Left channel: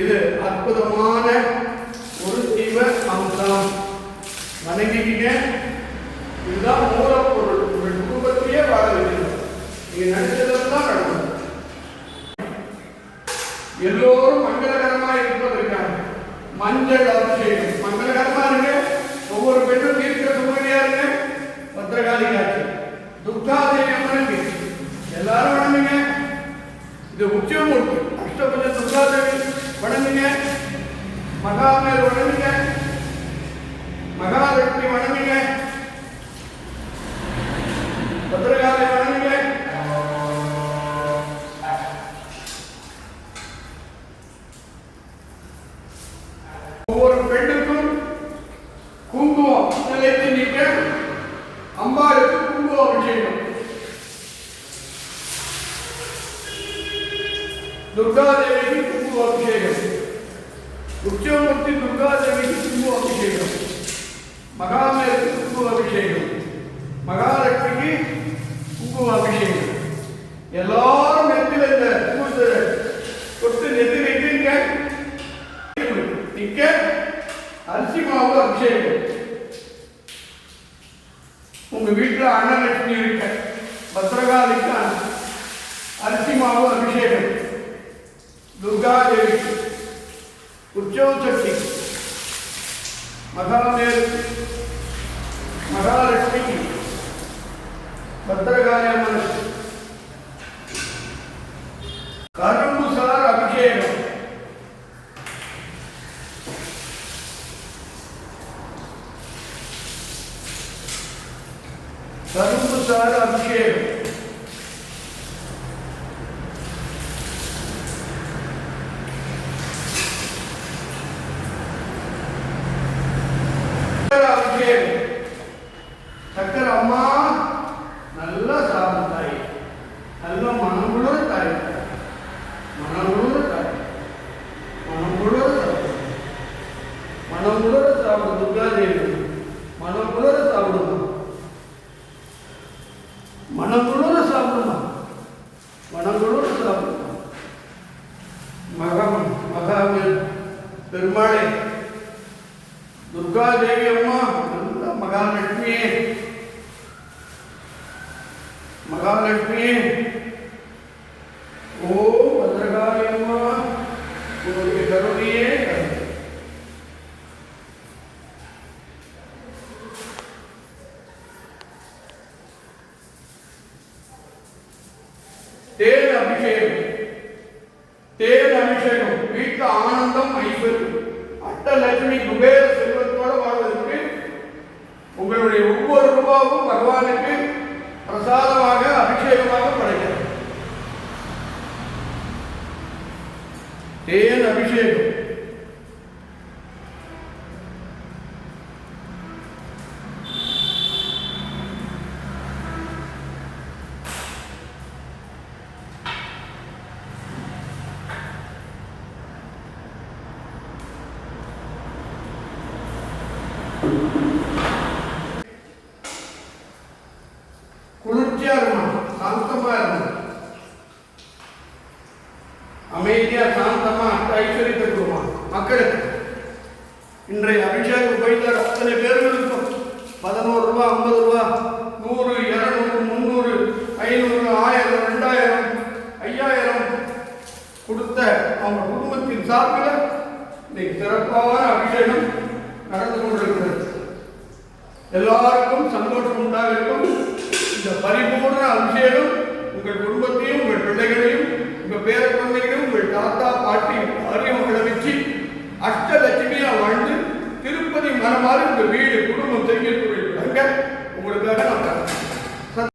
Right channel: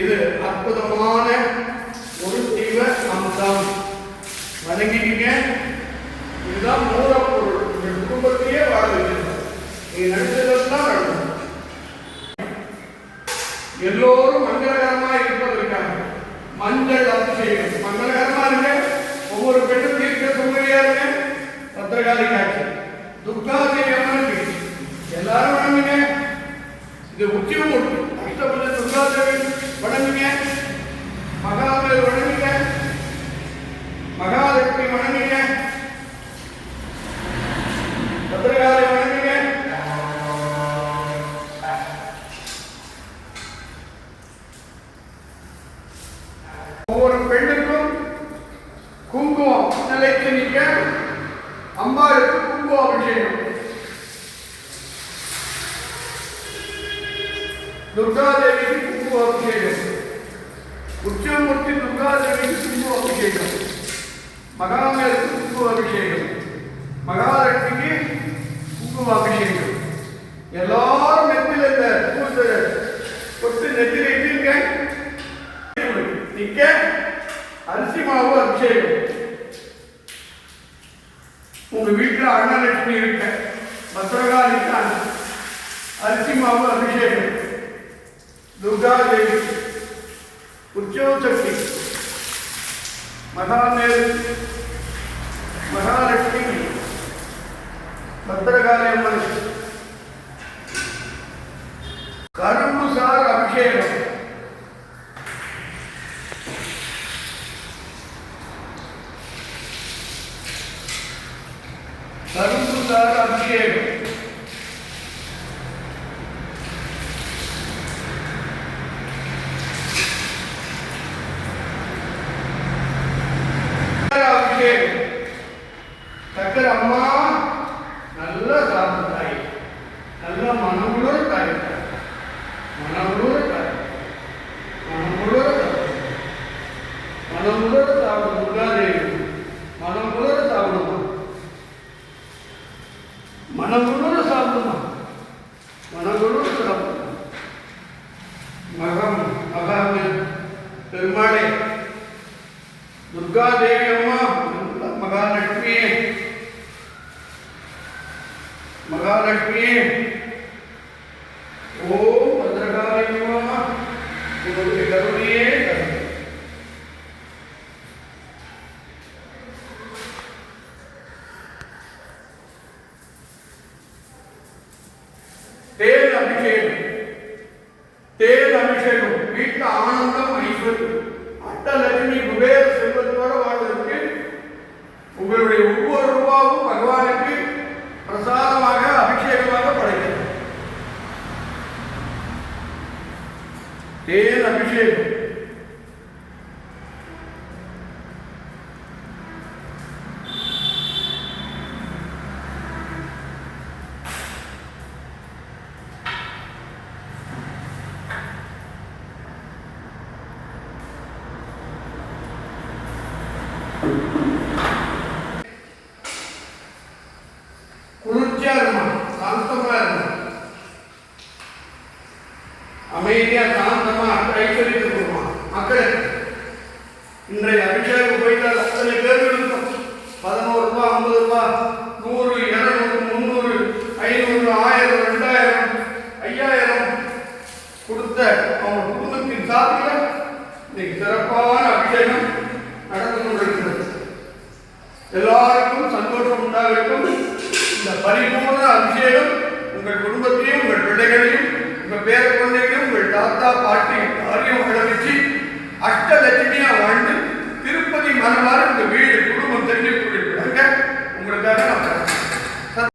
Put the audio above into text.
இது அற்புதமான ஒரு தெய்வ அம்சம். வணங்கிட்டீங்க. இதுதான் மூலப்பொருள். உங்கள் குடும்பத்திலேயே வாழ வேண்டும். நீ நினைச்சதெல்லாம் நடக்கும். எல்லோரும் மங்களகரமாக இருப்பதற்காக மஞ்சள் அபிஷேகம். மங்களகரமா இருங்க. ஒவ்வொரு பெண்ணும் தீர்க்க சுமதியா இருங்க. பத்திரகாளி காட்சி, துர்காதேவி அம்மனுக்கு எல்லாரும் வணங்குங்க. இது உச்சமூர்த்தி அஷ்டபத துர்காதேவி வணங்குங்க. மகாபலி வணங்குங்க. மகாலட்சுமி வணங்குங்க. பத்திரகாளி வணங்குங்க. ஒவ்வொரு பெண்ணுக்கும் குங்குமம் நிலைத்து நிற்க அம்பாளுக்கு குங்கும அபிஷேகம். துர்காதேவிக்கு குங்கும அபிஷேகம். உச்சமூர்த்தி துர்காதேவிக்கு குங்கும அபிஷேகம். மகாலட்சுமிக்கு குங்கும அபிஷேகம். மகாலட்சுமிக்கு குங்கும அபிஷேகம். எல்லாரும் நெத்தில இந்த பூசை தொட்டு நெத்தில இட்டுங்க. இங்க அரிசி மாவு அபிஷேகம். உங்க வீட்டில் அன்னலட்சுமி இருக்க பத்ரகாளிக்கு அரிசி மாவு அபிஷேகம். துர்காதேவி, உற்சவ சக்தி, மகாலட்சுமி, பத்ரகாளி அம்மன் கரும்பு சார் அபிஷேகம். கரும்பு சார் அபிஷேகம். அபிஷேகம். சக்கரை அம்மா நல்ல சாப்பிட்டாய். நல்ல மனமுள்ள தாய். மனமுள்ள தாய். மனமுள்ள மனமுள்ள சாப்பிடும் துர்காதேவி. மனமுள்ள சாப்பிடுமா. மனமுள்ள சாப்பிடுமா. மனமுள்ள சாப்பிடுமா. மகாபலி பெருமாளே, துர்காதேவி அம்மா, மகாலட்சுமியே, மகாலட்சுமியே, ஓ பத்ரகாளி அம்மா, உங்களுடைய கருணையே கருணை. தேன் அபிஷேகம். தேன் அபிஷேகம். வீட்டில் ஆனந்தம், ஐஸ்வர்யம், அஷ்டலட்சுமி குபேர செல்வத்தோட வாழ்வதற்கு உங்களுடைய ஒவ்வொரு ரூபாவும் பகவானுக்கு பிரசாதமாக அபிஷேகமாக படைக்கிறது. தேன் அபிஷேகம். குளிர்ச்சியா இருக்கும், சாந்தமா இருக்கும், அமைதியா சாந்தமா ஐஸ்வர்யத்தை கொடுப்பான் மக்களுக்கு. இன்றைய அபிஷேகம் போயிட்டு அத்தனை பேர்களுக்கும் 11 ரூபாய், 50 ரூபாய், 100, 200, 300, 500, 1000, 2000, 5000 கொடுத்த அவங்க குடும்பத்தின் சார்பில் இன்னைக்கு சிறப்பான அபிஷேகம் நடந்து கொண்டிருக்கிறது. எல்லாருக்கும் சந்தோஷம் உண்டாகட்டும். இந்த பரிபூர்ண அபிஷேகம்